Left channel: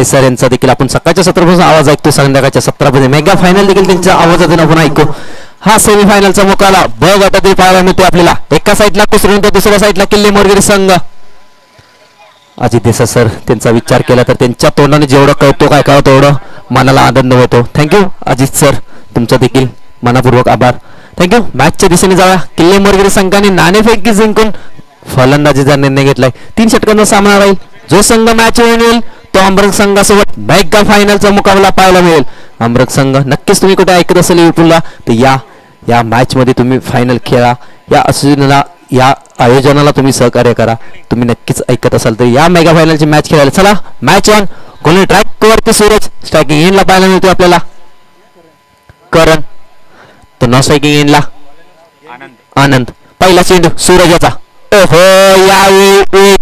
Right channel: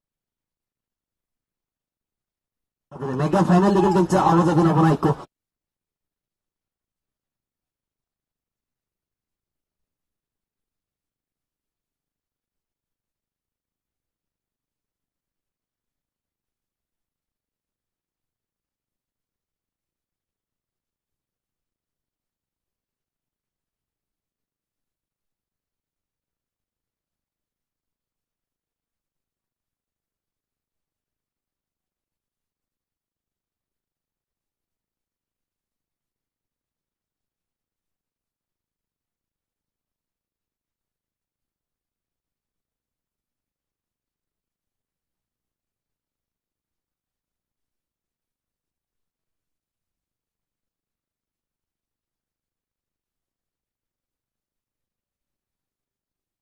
Desai sir यांचा देखील आपण सकाळच्या 17 आवाज ऐकतो, संध्याकाळच्या 17 मेगा फायनल देखील त्यांच्या आवाजातून आपण ऐकू. हा सेमीफायनलचा मुकाबला ब गटातील पाहायला मिळतो आपल्याला. एका साईडला कुसरून तर दुसऱ्या साईडला किल्ले मोरगिरी संघ. अजित देसाई सर त्यांचा विचार केला तर त्यांच्या तोंडाने जेवढं कळतो काय कळतो तेवढं मनाला आनंद होतो. थँक्यू अजित सर, तुमचा देखील मनापूर्वक आभार. थँक्यू. मॅचच्या दिशेने जाऊया. किल्ले मोरगिरी संघाने नाणेफेकी जिंकून फलंदाजीचा निर्णय घेतलाय. 3 षटकांचा सामना राहील. जो संघ मॅच येईल तो अमृत संघासोबत मेगा फायनलचा मुकाबला पाहायला मिळेल. अमृत संघ नक्कीच तुम्ही कुठे ऐकत असेल युट्यूबला तर या मॅच मध्ये तुम्ही फायनल खेळा. या आयोजनाला तुम्ही सहकार्य करा. तुम्ही नक्कीच ऐकत असाल तर या मेगा फायनलची मॅच खेळायला चला. Match on. गोल ट्रॅक वरती सूरज स्ट्रायकिंग एंडला पाहायला मिळतो आपल्याला. करण तर नॉन स्ट्रायकिंग एंडला आनंद. पहिला चेंडू सूरज याचा. ओहो, यावेळी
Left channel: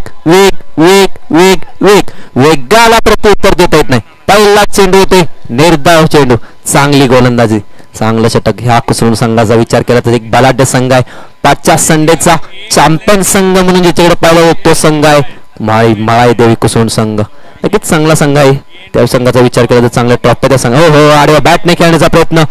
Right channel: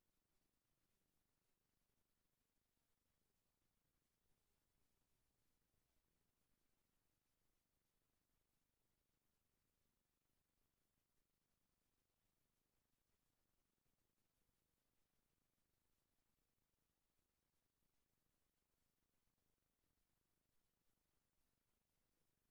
वेगाला प्रत्युत्तर देता येत नाही. पहिला चेंडू होते निर्धाव चेंडू. चांगली गोलंदाजी, चांगलं षटक. ह्या कुसरून संघाचा विचार केला तर एक बलाढ्य संघ आहे. 5च्या संडेचा चॅम्पियन संघ म्हणून ज्याच्याकडे पाहिला तो संघ आहे माळी देवी कुसरून संघ. नक्कीच चांगला संघ आहे. त्या संघाचा विचार केला तर चांगल्या टॉप त्या संघ. हो आडव्या बॅटने खेळण्याचा प्रयत्न.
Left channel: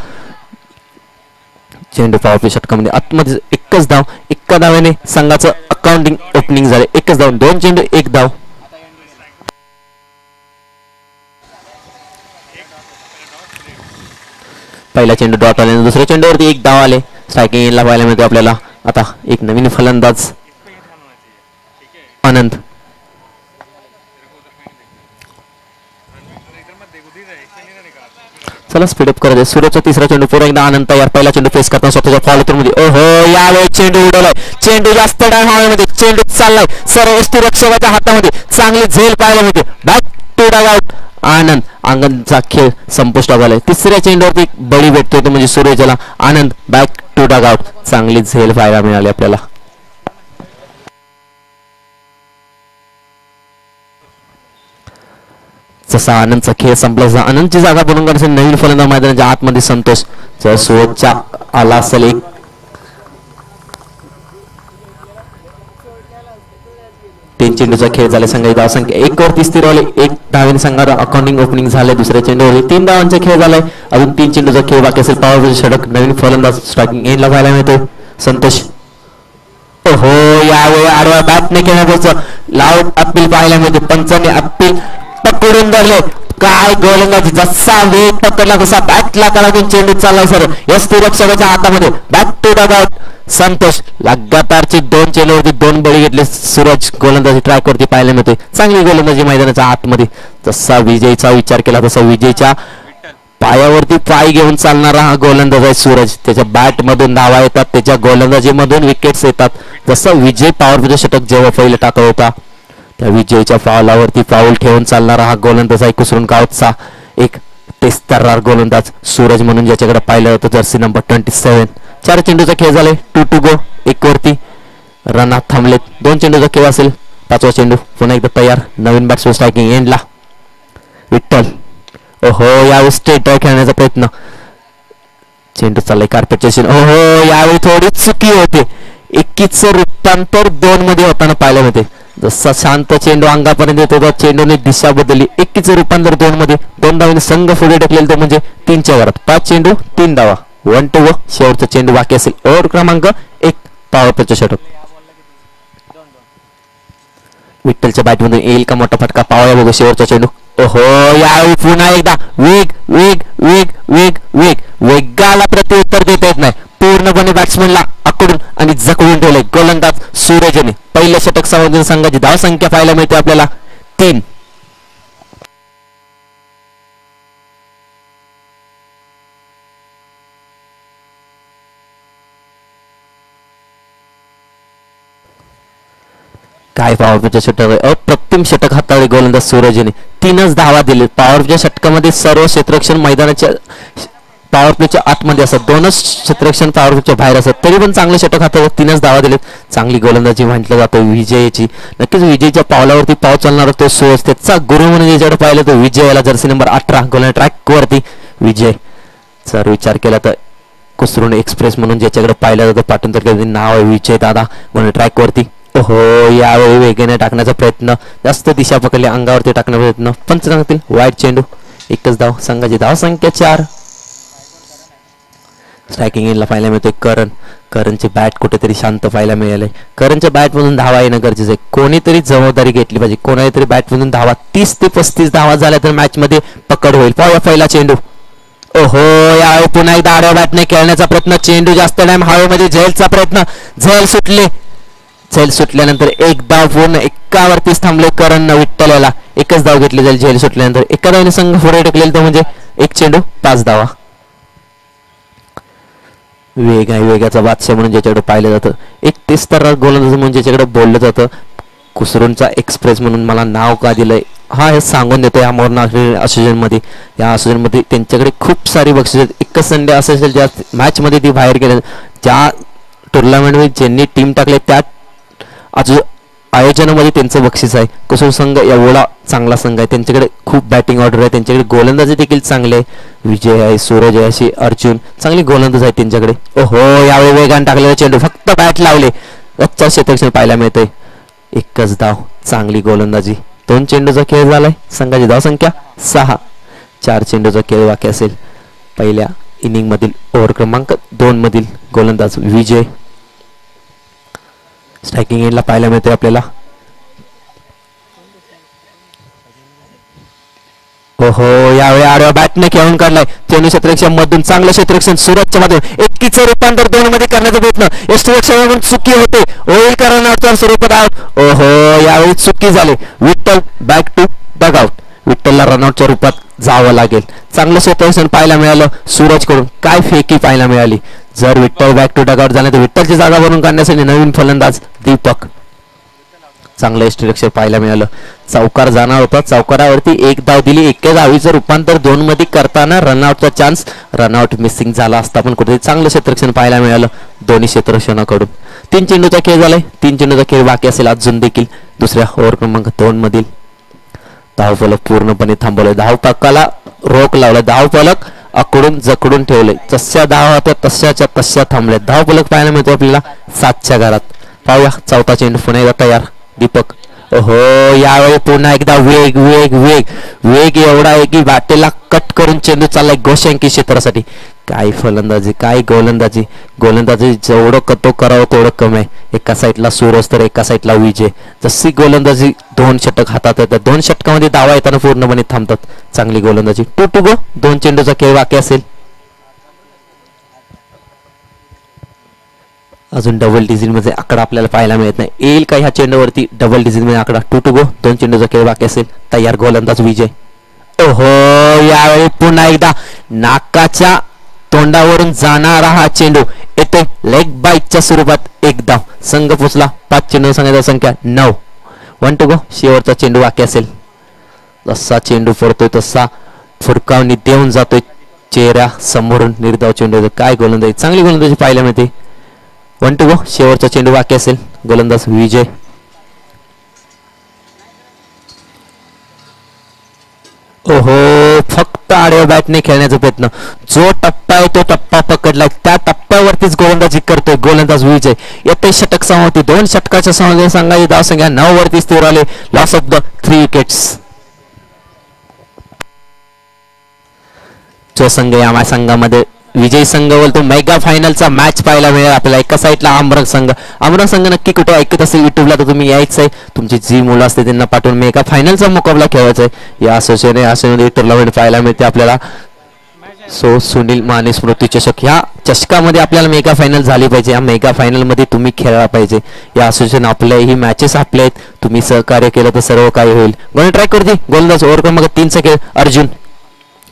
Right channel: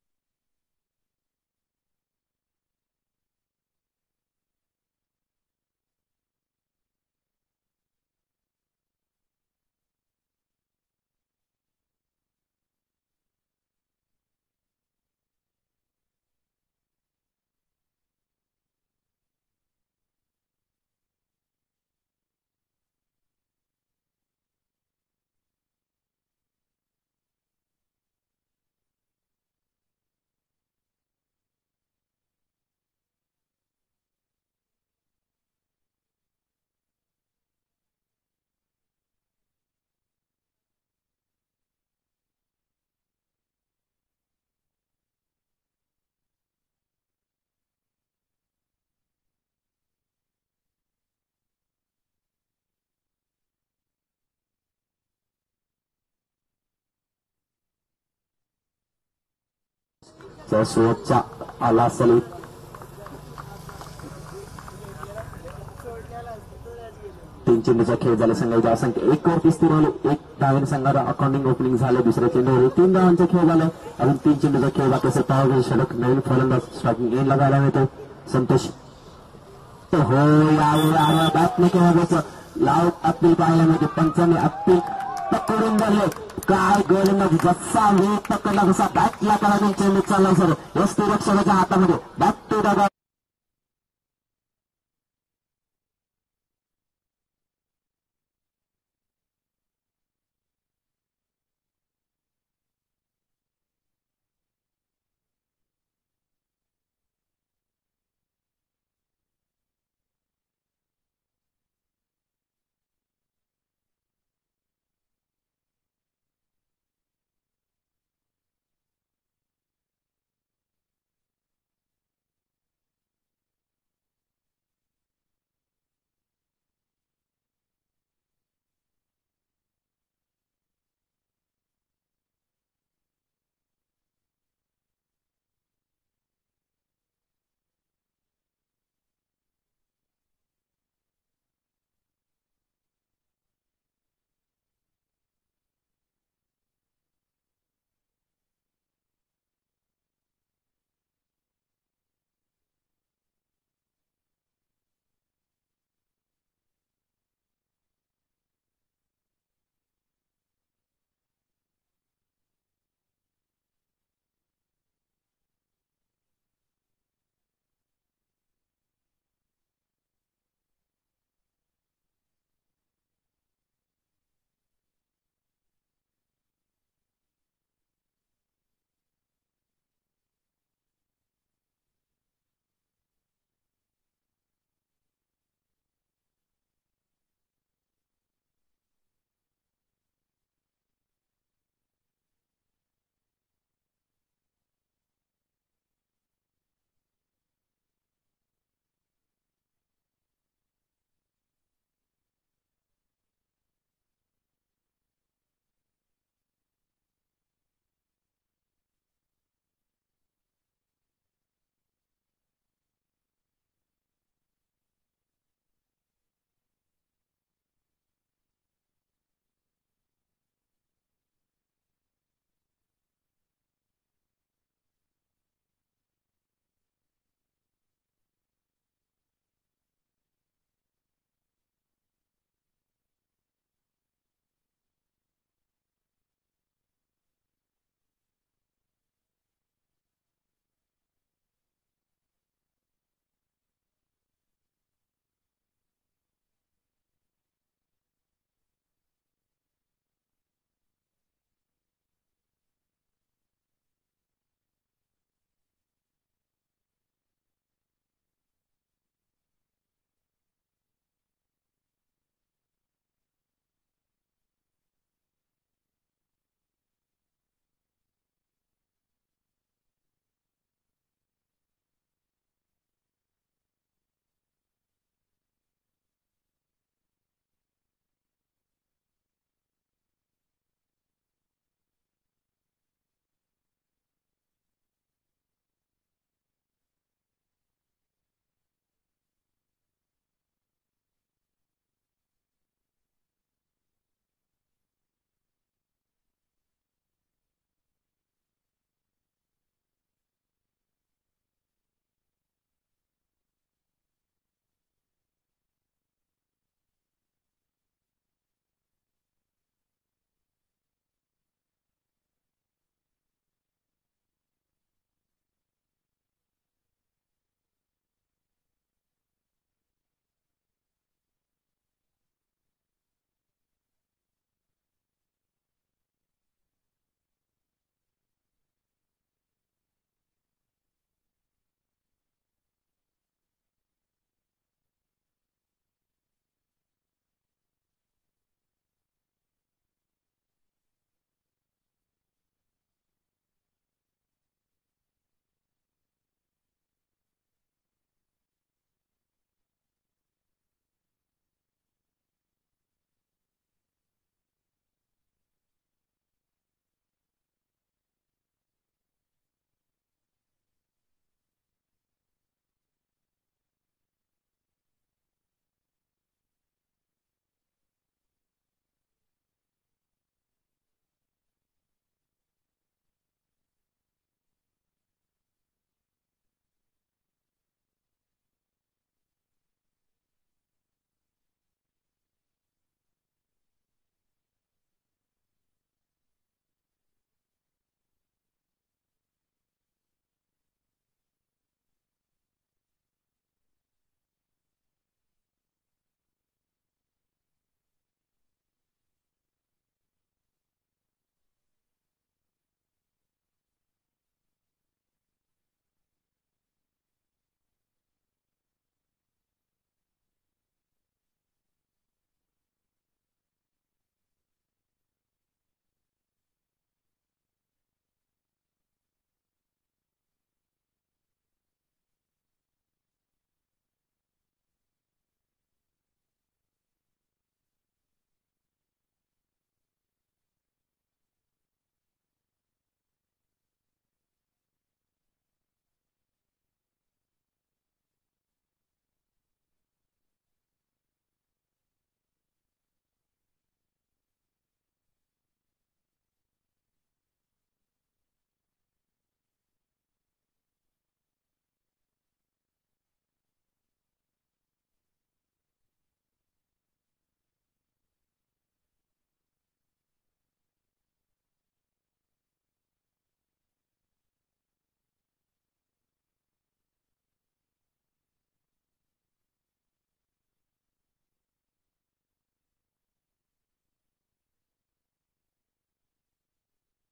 चेंडू पावरप्ले षटकामध्ये आतमध्ये एकच धाव. एका धावेने संघाचं अकाउंटिंग ओपनिंग झाले. एकच धाव. 2 चेंडू 1 धाव. पहिला चेंडू डॉट आले. दुसऱ्या चेंडूवरती 1 धाव आले. स्ट्रायकिंग एंडला पाहायला मिळतो आपल्याला. आता एक नवीन फलंदाज आनंद. चला स्पीडअप करत आहे. सूरजचा तिसरा चेंडू. पुन्हा एकदा आनंद तयार. पहिला चेंडू फेस करताना स्वतःच्या फॉलो मध्ये. ओहो, यावेळी चेंडू उडवलाय. चेंडू जास्त डाय हवेमध्ये. चेंडू चाललाय सर्व रक्षकाच्या हातामध्ये. चांगली झेल पाहायला मिळते. Back to dugout. आनंदचा खेळ संपुष्टात आलाय. तिसऱ्या चेंडूवरती बळी भेटतोय तो म्हणजे सूरजला. आनंद बॅक टू डग आउट. चांगली झेल पाहायला मिळाली आपल्याला. जसा आनंदचा खेळ संपला आनंदची जागा बनवून काढण्यासाठी नवीन फलंदाज मैदानाच्या आतमध्ये संतोष. जर सूरजच्या आला असेल 3 चेंडूचा खेळ झाला. संघाची धावसंख्या 1 वरती स्थिर झाली. 1 धावेने संघात अकाउंटिंग ओपनिंग झाले. दुसऱ्या चेंडूवर 3 धावांचा खेळ झालाय. अजून 3 चेंडूचा खेळ बाकी असेल. पॉवर षटक नवीन फलंदाज स्ट्रायकिंग एंडला पाहायला मिळतो संतोष. ओहो, यावेळी आडवा बॅटने खेळण्याचं लाऊड अपील पाहायला मिळते. पंचाने अपील पकडून धरले. काय गोलंदाजी. जसा वेग पकडला तसा बॅटला कडून चेंडू चाललाय सर. रक्षकाच्या हातामध्ये. Back to dugout. Santosh लगातारचे 2 चेंडूवरती 2 बळी घेतले. सूरज गोलंदाजी ट्रॅक वरती पाहायला मिळते. चांगली गोलंदाजी मैदानाच्या आतमध्ये. जसा विजयचा विचार केला तसा विजयच्या पायावरती पाय घेऊन चालणारा हा गोलंदाज आहे सूरज. त्याच्या बॅट मधून धावा येतात. त्याच्या गोलंदाजीमधून विकेट्स येतात. जसं विजय पॉवरप्ले षटक जेव्हा पहिलं टाकत होता त्या विजयच्या फावलावरती पाऊल ठेवून चालणारा हा गोलंदाज आहे कुसरून गावचा एक तेस्तर्रार गोलंदाज सूरज म्हणून ज्याच्याकडे पाहिलं होतं जर्सी नंबर 27. 4 चेंडूचा खेळ झालाय. 2 टू गो. 1 वरती रनात थांबलेत. 2 चेंडूचा खेळ असेल. 5वा चेंडू पुन्हा एकदा तयार. नवीन बॅट्समन स्ट्रायकिंग एंडला विठ्ठल. ओहो, यावेळी स्ट्रेट ड्राइव्ह खेळण्याचा प्रयत्न. चेंडू चाललाय कार्पेटच्या दिशेने. ओहो, यावेळी थोडी चुकी होते. 21चं रूपांतर 2 मध्ये होताना पाहायला मिळते. जसा शांत चेंडू अंगापर्यंत येतो त्या चेंडूने दिशा बदलली. 21चं रूपांतर 2 मध्ये. 2 धावांनी संघ पुढे ढकलेल तो म्हणजे 3च्या वरात. 5 चेंडू 3 धावा. 1 टू व शेवटचा चेंडू बाकी असेल. ओव्हर क्रमांक 1 पॉवरप्लेचं षटक. विठ्ठलच्या बॅटमधून येईल का मोठा फटका. पावया बघू शेवटचा चेंडू. ओहो, यावेळी पुन्हा एकदा वेगाला प्रत्युत्तर देता येत नाही. पूर्णपणे बॅट्समनला आकडून आणि जखडून ठेवले गोलंदाज सूरजने. पहिल्या षटक संबंधित संघाची धावसंख्या पाहायला मिळते आपल्याला 3. काय पॉवरप्लेच्या षटक. अप्रतिम षटक हाताळले गोलंदाज सूरजने. 3च धावा दिले. पॉवरप्लेच्या षटकामध्ये सर्व क्षेत्ररक्षण मैदानाच्या पॉवरप्लेच्या आतमध्ये असतात. 2च क्षेत्ररक्षण पॉवरप्लेच्या बाहेर असतात. तरी पण चांगले षटक हाताळले. 3च धावा दिलेत. चांगली गोलंदाजी म्हटलं जातं विजयची. नक्कीच विजयच्या पावलावरती पाव चालणारा तो सूरज. त्याचा गुरु म्हणून ज्याच्याकडे पाहिलं तो विजय याला जर्सी नंबर 18 गोलंदाज ट्रॅक वरती विजय. जर विचार केला तर कुसरून एक्सप्रेस म्हणून ज्याच्याकडे पाहिलं जातं पाठून तर नाव आहे विजय दादा गोलंदाज ट्रॅक वरती. ओहो, यावेळी वेगाने टाकण्याचा प्रयत्न, जास्त दिशा पकडली, अंगावरती टाकण्याचा प्रयत्न, पंच सांगतील वाईट चेंडू. एकच धाव, संघाची धाव संख्या 4. स्ट्रायकिंग एंडला पाहायला मिळतोय करणची बॅट कुठेतरी शांत पाहायला मिळाले. करणच्या बॅटमधून धावा येणं गरजेचं आहे. कोणीतरी जबाबदारी घेतली पाहिजे, कोणातरी बॅटमधून धावा. 30 ते 35 धावा झाल्या तर मॅच मध्ये पकड होईल. पाहूया पहिला चेंडू. ओहो, यावेळी पुन्हा एकदा आडव्या बॅटने खेळण्याचा प्रयत्न, चेंडू जास्त टाइम हवेमध्ये झेलचा प्रयत्न, झेल सुटल्यानंतर एक धाव पूर्ण एकावरतीच थांबले करण विठ्ठल. एकच धाव घेतली जाईल झेल सुटल्यानंतर. एका धावने संघ पुढे ढकलेल तर म्हणजे एक चेंडू 5 धावा. वेगाचा बादशाह म्हणून ज्याच्याकडे पाहिलं जातं, एक 30 तर गोलंदाज म्हणून ज्याच्याकडे बोललं जातं, कुसरूंचा एक्सप्रेस म्हणून मला नाव का दिलंय हा हे सांगून देतो. या मोर्ना असोसिएशनमध्ये त्यांच्याकडे खूप सारी बक्षिसे आहेत. एकच संडे असेल ज्या मॅचमध्ये ती बाहेर गेले, ज्या टुर्नामेंटमध्ये ज्यांनी टीम टाकले त्या आयोजनामध्ये त्यांचं बक्षीस आहे. कुसूर संघ एवढा चांगला संघ आहे, त्यांच्याकडे खूप बॅटिंग ऑर्डर आहे, त्यांच्याकडे गोलंदाजी देखील चांगले आहे. विजय आहे, सूरज आहे, अशी अर्जुन चांगली गोलंदाज आहेत त्यांच्याकडे. ओहो, यावेळी वेगाने टाकलेला चेंडू, फक्त बॅट लावले, अच्छा क्षेत्ररक्षण पाहायला मिळतंय. एकच धाव, चांगली गोलंदाजी. 2 चेंडूचा खेळ झालाय. संघाची धाव संख्या 6. 4 चेंडूचा खेळ बाकी असेल. पहिल्या इनिंग मधील ओव्हर क्रमांक 2 मधील गोलंदाज विजय. स्ट्रायकिंग एंडला पाहायला मिळते आपल्याला. ओहो, यावेळी आडव्या बॅटने खेळून काढलाय. चेंडू क्षेत्ररक्षण मधून चांगलं क्षेत्ररक्षण सूरजच्या मध्ये, एकीचं रूपांतर 2 मध्ये करण्याचा प्रयत्न, यष्टीरक्षणातून चुकी होते, होईल करण्याच्या स्वरूपात आउट. ओहो, यावेळी चुकी झाली. Vitthal back to dugout. विठ्ठलला रनआउटच्या रूपात जावं लागेल. चांगलं क्षेत्ररक्षण पाहायला मिळालं सूरज कडून, काय फेकी पाहायला मिळाली. जर विठ्ठल बॅक टू डगआउट झाले तर विठ्ठलची जागा भरून काढण्यासाठी नवीन फलंदाज दीपक. चांगलं यष्टीरक्षण पाहायला मिळालं. चौकार जाणार होता, चौकारावरती एक धाव दिली. एका धावीचं रूपांतर 2 मध्ये करताना रनआउटचा चान्स, रनआउट मिसिंग झाला असता पण कुठेतरी चांगलं क्षेत्ररक्षण पाहायला मिळालं दोन्ही क्षेत्ररक्षणाकडून. 3 चेंडूचा खेळ झालाय. 3 चेंडूचा खेळ बाकी असेल अजून देखील. दुसऱ्या ओव्हर क्रमांक 2 मधील धावफलक पूर्णपणे थांबवलं. धावपकाला रोख लावलं. धावफलक आकडून जकडून ठेवले. जशा धाव होत्या तशाच्या तशा थांबले. धावफलक पाहायला मिळतो आपल्याला 7च्या घरात. पाहूया चौथा चेंडू पुन्हा एकदा तयार दीपक. ओहो, यावेळी पुन्हा एकदा वेग एवढा आहे की वाटेला कट करून चेंडू चाललाय गोशंकी क्षेत्रासाठी. काय फलंदाजी, काय गोलंदाजी जेवढं कतो करावं तेवढं कमी आहे. एका साईडला सूरज तर एका साईडला विजय. जशी गोलंदाजी 2 षटक हातात येतात, 2 षटकामध्ये धावा येताना पूर्णपणे थांबतात. चांगली गोलंदाजी. 2 to go. 2 चेंडूचा खेळ बाकी असेल. अजून डबल डिजिट मध्ये आकडा आपल्याला पाहायला मिळत नाही. येईल का ह्या चेंडूवरती डबल डिजिट मध्ये आकडा. 2 to go. 2 चेंडूचा खेळ बाकी असेल. तयार गोलंदाज विजय. ओहो, यावेळी पुन्हा एकदा नाकाच्या तोंडावरून जाणारा हा चेंडू येतो लेग बाईकच्या स्वरूपात. एक धाव. संघ पोचला. 5 चेंडू संघाची संख्या 9. 1 to go. शेवटचा चेंडू बाकी असेल. जसा चेंडू पडतोय तसा फुरकावणी देऊन जातोय चेहऱ्या समोरून. निर्धाव चेंडू. काय गोलंदाजी, चांगली गोलंदाजी पाहायला मिळते. 1 to go. शेवटचा चेंडू बाकी असेल. गोलंदाज विजय. ओहो, फक्त आडव्या बॅटने खेळण्याचा प्रयत्न. जो टप्पा आहे तो टप्पा पकडलाय, त्या टप्प्यावरतीच गोलंदाजी करतोय गोलंदाज विजय. येते षटक समाप्ती. 2 षटकाच्या समाप्ती. संघाची धाव संख्या 9 वरती स्थिर आले. Loss of the 3 wickets. जो संघ या संघामध्ये विजय संघ बोलतो मेगा फायनलचा मॅच पाहायला मिळेल आपल्याला. एका साईडला आमरंग संघ नक्की कुठे ऐकत असेल युट्यूबला तर तुम्ही यायचं आहे. तुमची जी मुलं असते त्यांना पाठवून मेगा फायनलचा मुकाबला खेळायचा आहे. या असोसिएशनमध्ये टुर्नामेंट पाहायला मिळते आपल्याला. सो सुनील माने स्मृती चषक, ह्या चषकामध्ये आपल्याला मेगा फायनल झाली पाहिजे. या मेगा फायनल मध्ये तुम्ही खेळला पाहिजे. या असोसिएशन आपल्या ही मॅचेस आपले आहेत. तुम्ही सहकार्य केलं तर सर्व काही होईल. गोल ट्राय करते. गोलंदाज ओव्हर क्रमांक 3 चा खेळ अर्जुन.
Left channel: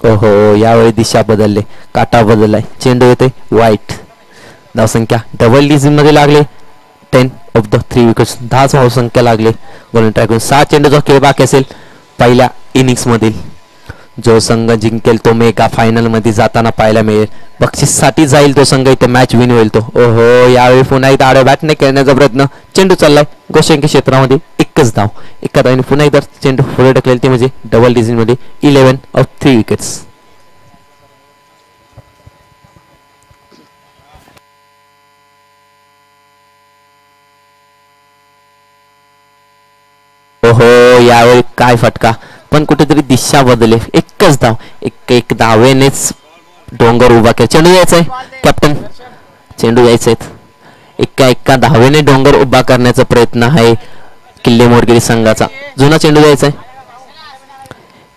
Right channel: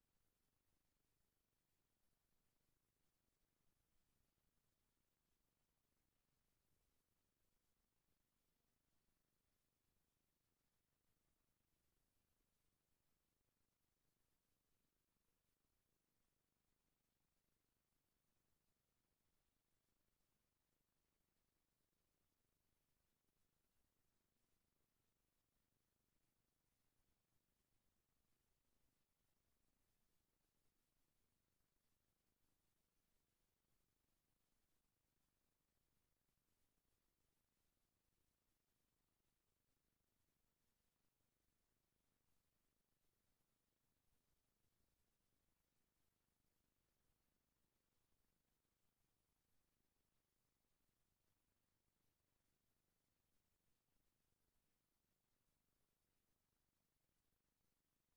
ओहो, यावेळी दिशा बदलले, काटा बदललाय. चेंडू येते वाईट. धावसंख्या डबल डिजिट मध्ये लागले. 10 ऑफ द 3 विकेट्स. 10 धावसंख्या लागले. गोल ट्राय करून 6 चेंडूचा खेळ बाकी असेल पहिल्या इनिंग्स मधील. जो संघ जिंकेल तो मेगा फायनल मध्ये जाताना पाहायला मिळेल. बक्षीस साठी जाईल तो संघ. इथे मॅच विन होईल तो. ओहो, यावेळी पुन्हा एकदा आडव्या बॅटने खेळण्याचा प्रयत्न. चेंडू चाललाय गोशंकी क्षेत्रामध्ये. एकच धाव. एका धावने पुन्हा एकदा चेंडू पुढे ढकलेल ते म्हणजे डबल डिजिट मध्ये. 11 ऑफ 3 विकेट्स. काय फटका, पण कुठेतरी दिशा बदलले. एकच धाव, एक धावेनेच डोंगर उभा केला. चेंडू द्यायचा आहे कॅप्टन, चेंडू द्यायचे आहेत. एका धावेने डोंगर उभा करण्याचा प्रयत्न आहे किल्ले मोरगिरी संघाचा. जुना चेंडू द्यायचा आहे.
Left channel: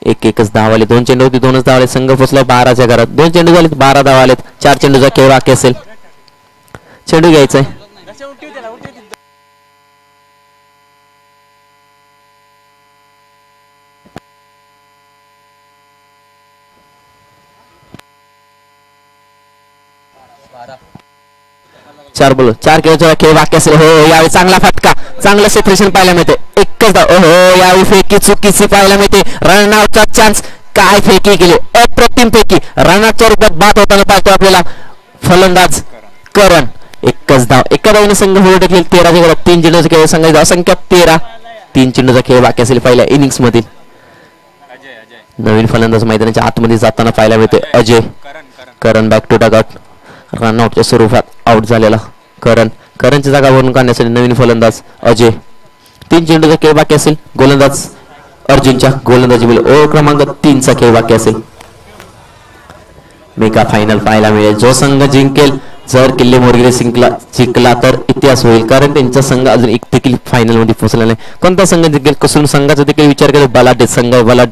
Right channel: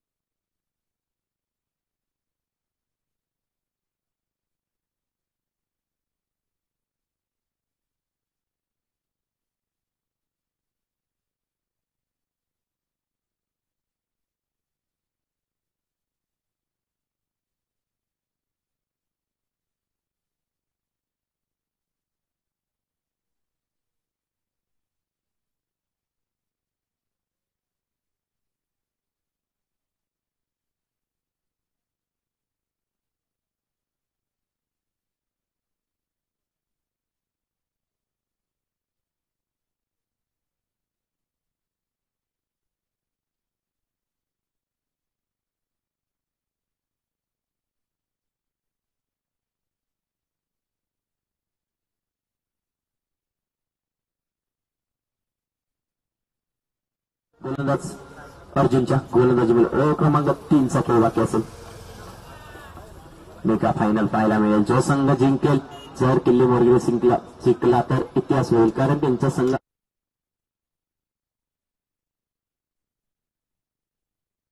एकच धाव आले. 2 चेंडू होती, 2च धाव आले. संघ पोचला 12च्या घरात. 2 चेंडू झाले, 12 धाव आलेत. 4 चेंडूचा खेळ बाकी असेल. चेंडू घ्यायचा आहे. चार बोल 4 खेळ बाकी असेल. हो यावेळी चांगला फटका, चांगलं सेपरेशन पाहायला मिळते. एकच धाव. हो यावेळी फेकी चुकीची पाहायला मिळते. रनआउटचा चान्स. काय फेकी केली, अप्रतिम फेकी. रनआउटच्या रूपात बाद होताना पाहतो आपल्याला फलंदाज करण. एकच धाव, एका धावने संघ पुढे ढकलेल. 13च्या घरात 3 चेंडूचा खेळ. संघाची धाव संख्या 13. 3 चेंडूचा खेळ बाकी असेल पहिल्या इनिंग्स मधील. नवीन फलंदाज मैदानाच्या आतमध्ये जाताना पाहायला मिळते अजय. करण बॅक टू डगआउट. रनआउटच्या स्वरूपात आउट झालेला करणची जागा भरून काढण्यासाठी नवीन फलंदाज अजय. 3 चेंडूचा खेळ बाकी असेल. गोलंदाज अर्जुनच्या गोलंदाजी बिल ओव्हर क्रमांक 3चा खेळ बाकी असेल. मेगा फायनल पाहायला मिळेल. जो संघ जिंकेल, जर किल्ले मोरगिरी जिंकला तर इतिहास होईल, कारण त्यांचा संघ अजून एक देखील फायनल मध्ये पोहोचला नाही. कोणता संघ जिंकेल, कसून संघाचा देखील विचार केला. बलाढ्य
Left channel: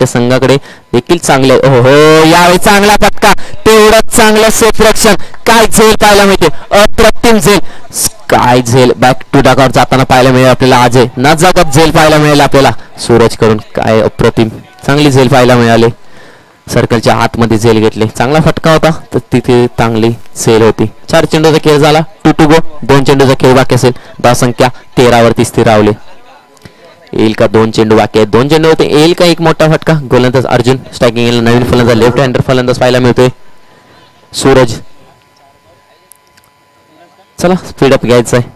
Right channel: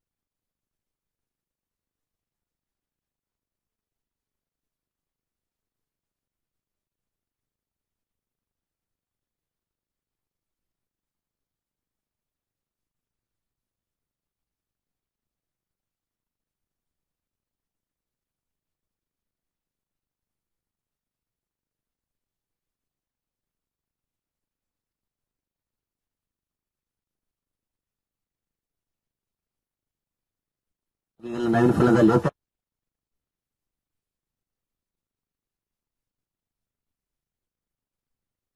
संघाकडे देखील चांगले. हो यावेळी चांगला फटका, तेवढंच चांगलं सेफरक्षण. काय झेल पाहायला मिळते, अप्रतिम झेल. काय झेल बॅक टू डगआउट जाताना पाहायला मिळेल आपल्याला. अजय न जागत झेल पाहायला मिळेल आपल्याला सूरज करून. काय अप्रतिम चांगली झेल पाहायला मिळाली. सर्कलच्या आतमध्ये झेल घेतले. चांगला फटका होता, तर तिथे चांगली झेल होती. 4 चेंडूचा खेळ झाला. 2 गो. 2 चेंडूचा खेळ बाकी असेल. धाव संख्या 13 वरती स्थिर रावले. येईल का 2 चेंडू बाकी आहेत. 2 चेंडू होते. येईल का एक मोठा फटका. गोलंदाज अर्जुन. स्ट्रायकिंग नवीन फलंदाज लेफ्ट हँडर फलंदाज पाहायला मिळतोय सूरज. चला स्पीडअप घ्यायचं आहे.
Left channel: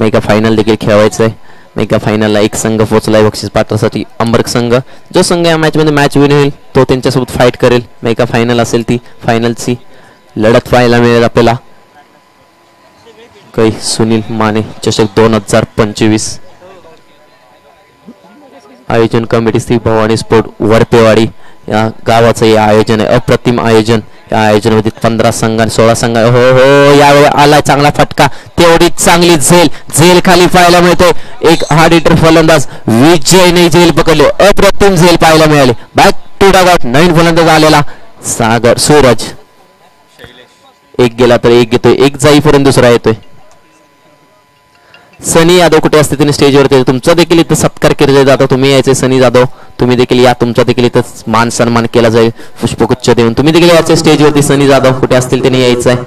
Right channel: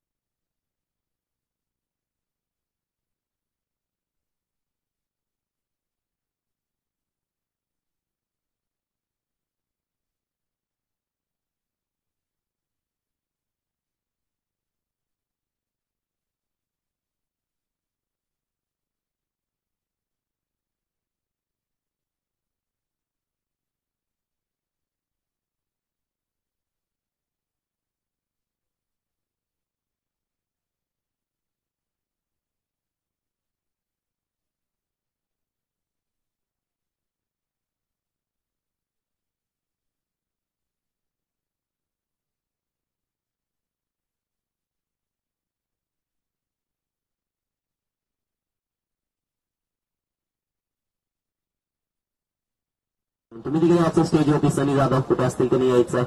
मेगा फायनल देखील खेळवायचं आहे. मेगा फायनलला एक संघ पोहोचलाय बक्षीस पात्रसाठी अंबरक संघ. जो संघ या मॅच मध्ये मॅच विन होईल तो त्यांच्यासोबत फाईट करेल. मेगा फायनल असेल ती फायनलची लढत पाहायला मिळेल आपल्याला. काही सुनील माने चषक 2025 आयोजन कमिटी श्री भवानी स्पोर्ट वरपेवाडी या गावाचं हे आयोजन आहे. अप्रतिम आयोजन. या आयोजनामध्ये 15 संघ आणि 16 संघ. हो यावेळी आलाय चांगला फटका, तेवढी चांगली झेल खाली पाहायला मिळते. एक हार्ड हिटर फलंदाज विजयने झेल पकडले. अप्रतिम झेल पाहायला मिळाले. बॅक टू डगआउट नवीन फलंदाज आलेला सागर सूरज. एक गेला तर एक घेतोय, एक जाईपर्यंत दुसरा येतोय. सनी यादव कुठे असते तिने स्टेजवरती. तुमचा देखील इथं सत्कार केला जातो. तुम्ही यायचे सनी जाधव, तुम्ही देखील या. तुमचा देखील इथं मान सन्मान केला जाईल पुष्पगुच्छ देऊन. तुम्ही देखील यायचे स्टेजवरती. सनी जाधव कुठे असतील त्यांनी यायचं आहे.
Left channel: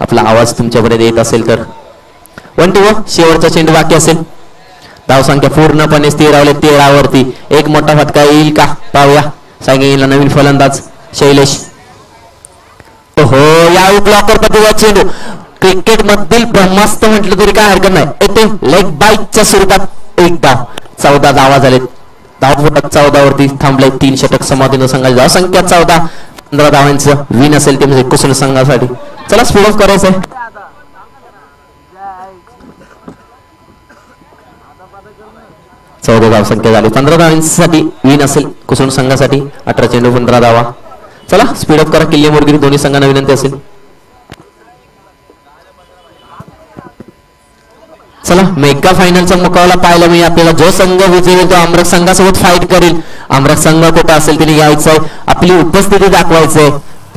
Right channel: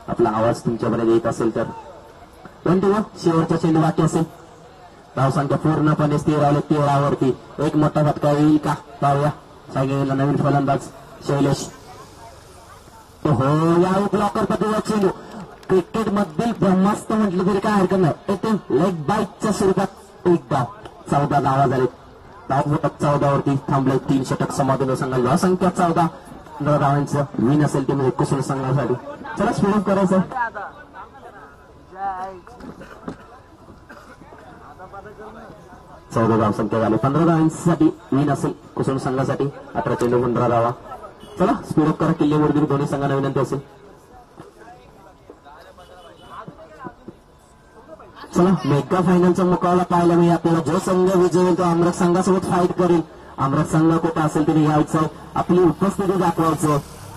आपला आवाज तुमच्यापर्यंत येत असेल तर. 1 2 शेवटचा चेंडू बाकी असेल. धाव संख्या पूर्णपणे स्थिर राहिली 13 वरती. एक मोठा फटका येईल का पाहूया. सांगितलं नवीन फलंदाज शैलेश. हो यावेळी ब्लॉकर पद्धतीचा चेंडू. क्रिकेट मधील ब्रह्मास्त्र म्हटलं तरी काय हरकत नाही. येथे लेग बाईकच्या स्वरूपात एक धाव. 14 धावा झाले. धाव 14 वरती थांबले. 3 षटक समाधीन संघाची धाव संख्या 14. 15 धावांचं विन असेल ते म्हणजे कुशल संघासाठी. चला स्पीड ऑफ करायचं. 14 धाव संख्या झाली. 15 धावांसाठी विन असेल कुशल संघासाठी. 18 चेंडू 15 धावा. चला स्पीड ऑफ करा. किल्ले मोरगिरी दोन्ही संघांना विनंती असेल. चला मेगा फायनलचा मुकाबला पाहायला मिळेल आपल्याला. जो संघ विजयी तो अमृत संघासोबत फाईट करेल. अमृत संघ कुठं असेल तिने यायचंय, आपली उपस्थिती दाखवायचंय.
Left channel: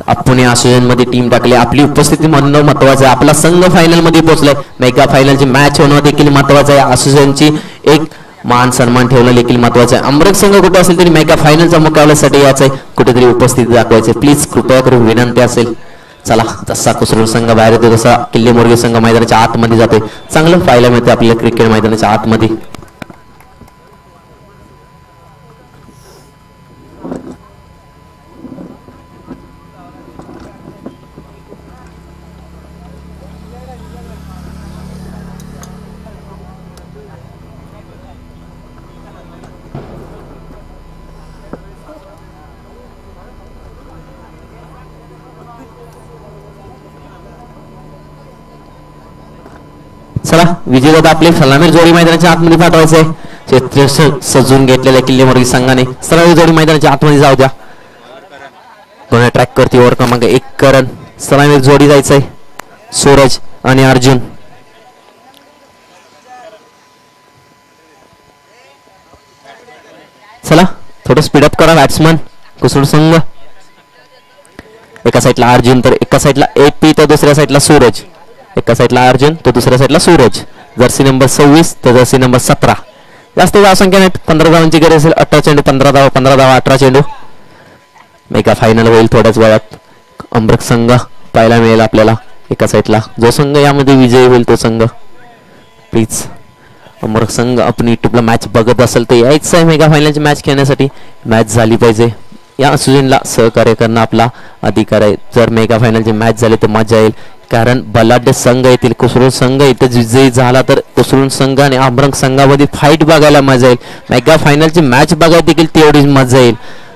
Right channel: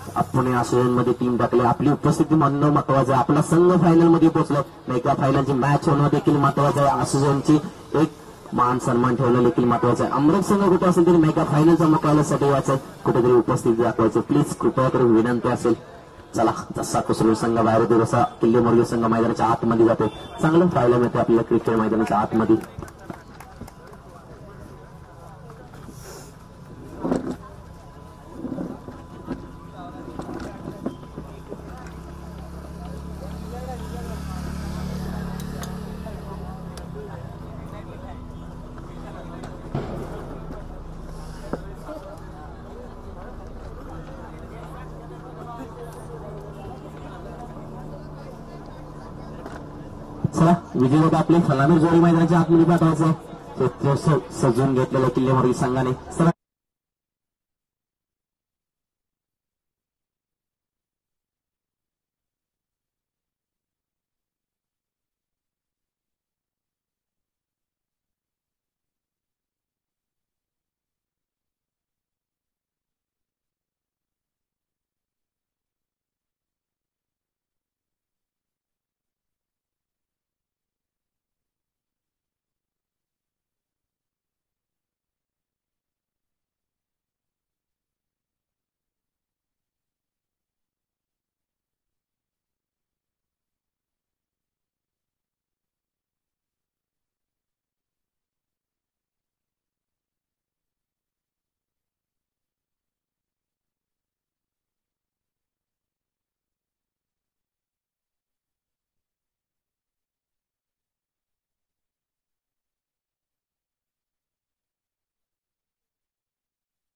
आपण या आयोजन मध्ये टीम टाकली. आपली उपस्थिती म्हणणं महत्वाचं आहे. आपला संघ फायनल मध्ये पोहोचलाय. मेगा फायनलची मॅच होणं देखील महत्वाचं आहे. आयोजनची एक मान सन्मान ठेवणं देखील महत्वाचं आहे. अमृत संघ कुठे असेल तरी मेगा फायनलच्या मुकाबल्यासाठी यायचंय. कुठेतरी उपस्थिती दाखवायचे. प्लीज कृपया करून विनंती असेल. चला जसा कुसरूर संघ बाहेर येतो तसा किल्ले मोरगिरी संघ मैदानाच्या आतमध्ये जाते. चांगलं पाहायला मिळते आपल्याला क्रिकेट मैदानाच्या आतमध्ये. चला विजयदादा आपले सलामी जोडी मैदानाच्या आतमध्ये पाठवायचंय. चित्र सजून घेतलेल्या किल्ले मोरगी संघाने सरळ जोडी मैदानाच्या आतमध्ये जाऊ द्या. दोन्ही ट्रॅक करते ओव्हर क्रमांक 1 करण. सलामी जोडी जायचंय सूरज आणि अर्जुन. चला थोडं स्पीडअप करा बॅट्समन कुसुड संघ. एका साईडला अर्जुन तर एका साईडला AP तर दुसऱ्या साईडला सूरज. एका साईडला अर्जुन तर दुसऱ्या साईडला सूरज. जर्सी नंबर 26 तर जर्सी नंबर 17. जास्त धावसंख्या नाहीत. 15 धावांची गरज असेल. 18 चेंडू 15 धावा 15 धावा 18 चेंडू. मेगा फायनल होईल थोड्याच वेळात. अमृत संघ पाहायला मिळेल आपल्याला एका साईडला. जो संघ यामध्ये विजयी होईल तो संघ प्लीज अमृत संघ आपण युट्यूबला मॅच बघत असेल तर यायचं आहे मेगा फायनलची मॅच खेळण्यासाठी. मॅच झाली पाहिजे. या सीझनला सहकार्य करणं आपला अधिकार आहे. जर मेगा फायनलची मॅच झाली तर मजा येईल. कारण बलाढ्य संघ येतील. कुसरून संघ इथे विजयी झाला तर कुसरून संघ आणि अमरंग संघामध्ये फाईट बघायला मजा येईल. मेगा फायनलची मॅच बघायला देखील तेवढीच मजा येईल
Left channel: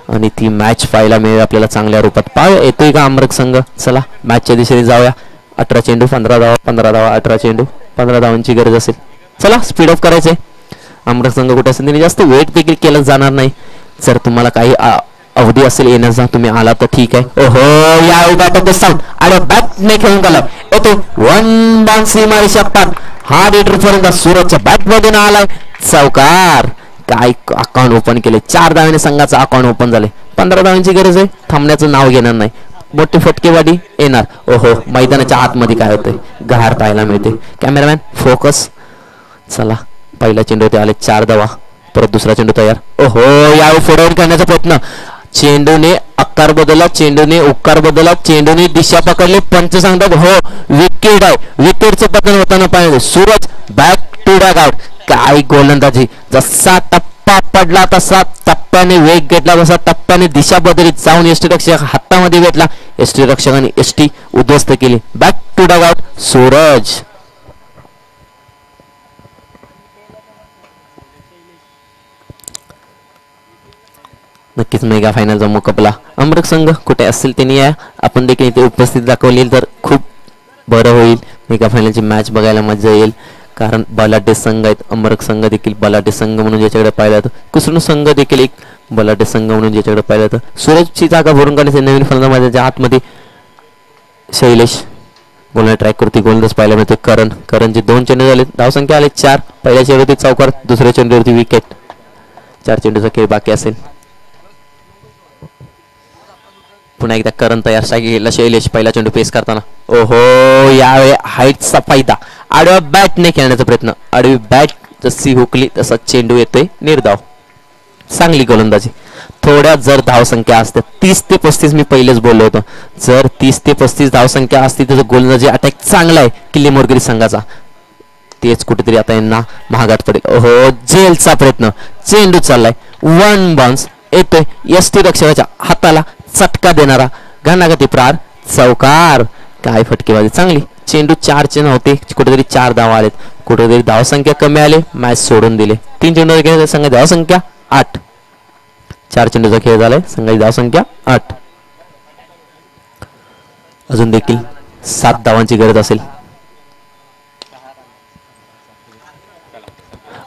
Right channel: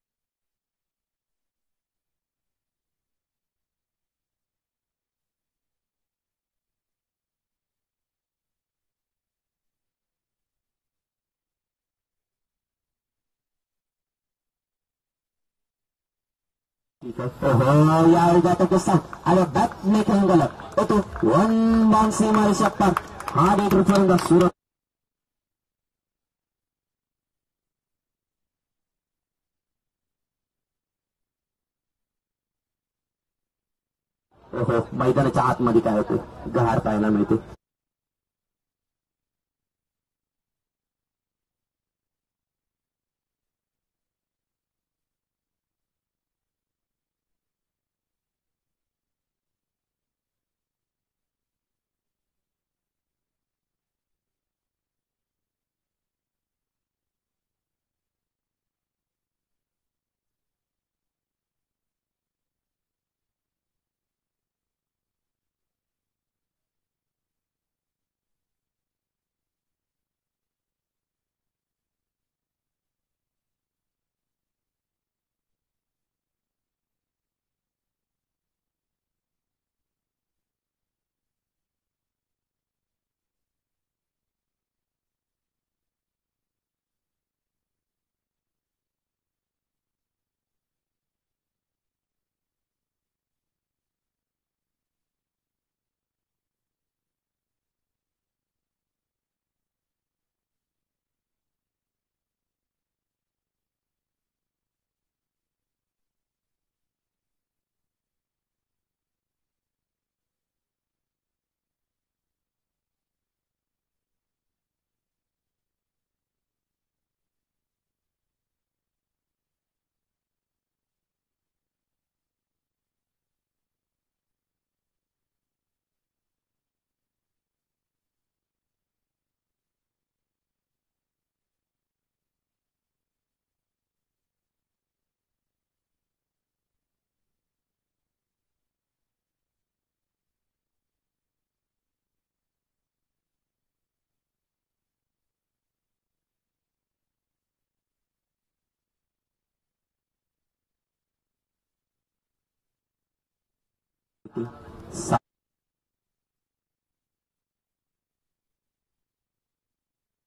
आणि ती मॅच पाहायला मिळेल आपल्याला चांगल्या रूपात. पाहूया येतोय का अमरंग संघ. चला मॅचच्या दिशेने जाऊया. 18 चेंडू 15 धावा 15 धावा 18 चेंडू 15 धावांची गरज असेल. चला स्पीड ऑफ करायचंय. अमरंग संघ कुठे असेल त्याने जास्त वेट देखील केलं जाणार नाही. जर तुम्हाला काही अवधी असेल येण्याचा तुम्ही आला तर ठीक आहे. ओहो या बॅट साऊंड आणि बॅट ने खेळून गेला. येतो 1 बाउन्सी मारीच्या पाठ. हा लीटर पर्यंत सूरजच्या बॅट मधून आलाय. चौकार. काय अकाउंट ओपन केले. 4 धावाने संघाचं अकाउंट ओपन झाले. 15 धावांची गरज आहे. थांबण्याचं नाव घेणार नाही. मोठी फटकेवाडी येणार. ओहो मैदानाच्या आतमध्ये काय होतंय गहार पाहायला मिळते. Cameraman focus. चला पहिला चेंडू ते आले 4 धावा. परत दुसरा चेंडू तयार. ओहो यावेळी फोडावर करण्याचा प्रयत्न. चेंडूने आकार बदलला. चेंडूने उकार बदलला. चेंडूने दिशा पकडली. पंच सांगतात हो विकेट आहे. विकेटचं पतन होताना पाहिजे. Suraj back to back out. काय गोलंदाजी. जसा टप्पा पडला तसा टप्प्याने वेग घेतला. तसा टप्प्याने दिशा बदलीत जाऊन एसटी रक्षक हातामध्ये घेतला. एसटी रक्षकाने एसटी उद्ध्वस्त केली. Back to back out Suraj. नक्कीच मेगा फायनलचा मुकाबला. अमृत संघ कुठे असेल त्यांनी या आपण देखील इथे उपस्थित दाखवली तर खूप बरं होईल. मेगा फायनलची मॅच बघायला मजा येईल. कारण बलाढ्य संघ आहेत. अमृत संघ देखील बलाढ्य संघ म्हणून ज्याच्याकडे पाहिलं जातं. कुसरून संघ देखील एक बलाढ्य संघ म्हणून ज्याच्याकडे पाहिलं जातं. सूरजची जागा भरून काढण्याचे नवीन फलंदाजाच्या आतमध्ये शैलेश गोलने ट्रॅक करते. गोलंदाज पाहायला मिळते करण. करणचे 2 चेंडू झाले. धावसंख्या आले 4. पहिल्या चेंडूवरती चौकार. दुसऱ्या चेंडूवरती विकेट. 4 चेंडूचा खेळ बाकी असेल. पुन्हा एकदा करण तयार केला शैलेश. पहिला चेंडू पेस करताना ओहो यावेळी हाईटचा फायदा. आडव्या बॅटने खेळण्याचा प्रयत्न. आडवी बॅट जशी हुकली तसा चेंडू येतोय निर्धाव. चांगली गोलंदाजी. थोड्या जर धावसंख्या असते 30 ते 35 मी पहिलेच बोललो होतो. जर 30 ते 35 धावसंख्या असती तर गोलंदाजी अटॅक चांगला आहे किल्ले मोरगिरी संघाचा. तेच कुठेतरी आता यांना महागात पडेल. ओहो जेलचा प्रयत्न. चेंडू चाललाय 1 बाउन्स येतोय. एसटी रक्षकाच्या हाताला चटका देणारा घणागती प्रार. चौकार. काय फटकेबाजी चांगली. चेंडू 4 चे नव्हते. कुठेतरी 4 धावा आलेत. कुठेतरी धावसंख्या कमी आले. मॅच सोडून दिले. 3 चेंडू संघाची धावसंख्या 8. 4 चेंडूचा खेळ झालाय. संघाची धावसंख्या 8. अजून देखील 7 धावांची गरज असेल.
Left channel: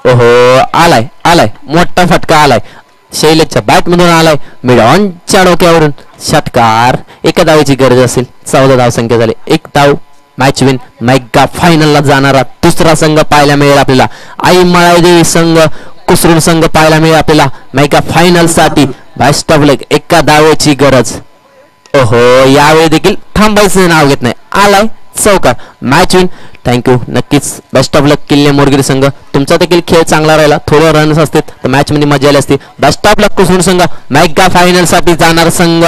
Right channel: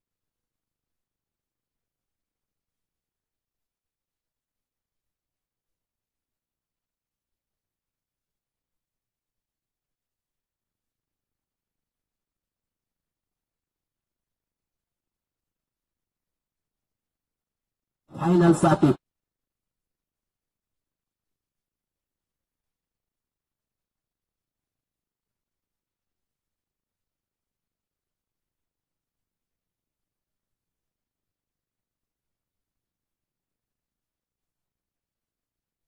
ओहो आलाय आलाय मोठा फटका आलाय. शैलेशच्या बॅट मधून आलाय. मिड ऑनच्या डोक्यावरून षटकार. एका धावेची गरज असेल. 14 धावसंख्या झाली. 1 धाव मॅच विन. मेगा फायनलला जाणारा दुसरा संघ पाहायला मिळेल आपल्याला. आई मळाईदेवी संघ कुसरून संघ पाहायला मिळेल आपल्याला मेगा फायनल साठी. बेस्ट ऑफ लक. एका धावेची गरज. ओहो यावेळी देखील थांबायचं नाव घेत नाही. आलाय चौकार. Match win. थँक्यू. नक्कीच बेस्ट ऑफ लक किल्ले मोरगिरी संघ. तुमचा देखील खेळ चांगला राहिला. थोडे रन्स असते तर मॅच मध्ये मजा आली असती. बेस्ट ऑफ लक कुसरून संघ. मेगा फायनल साठी जाणार संघ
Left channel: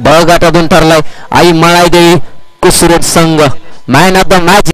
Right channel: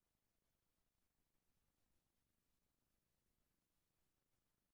बळगाटातून ठरलाय. आई मळाईदेवी कुसरून संघ. Man of the match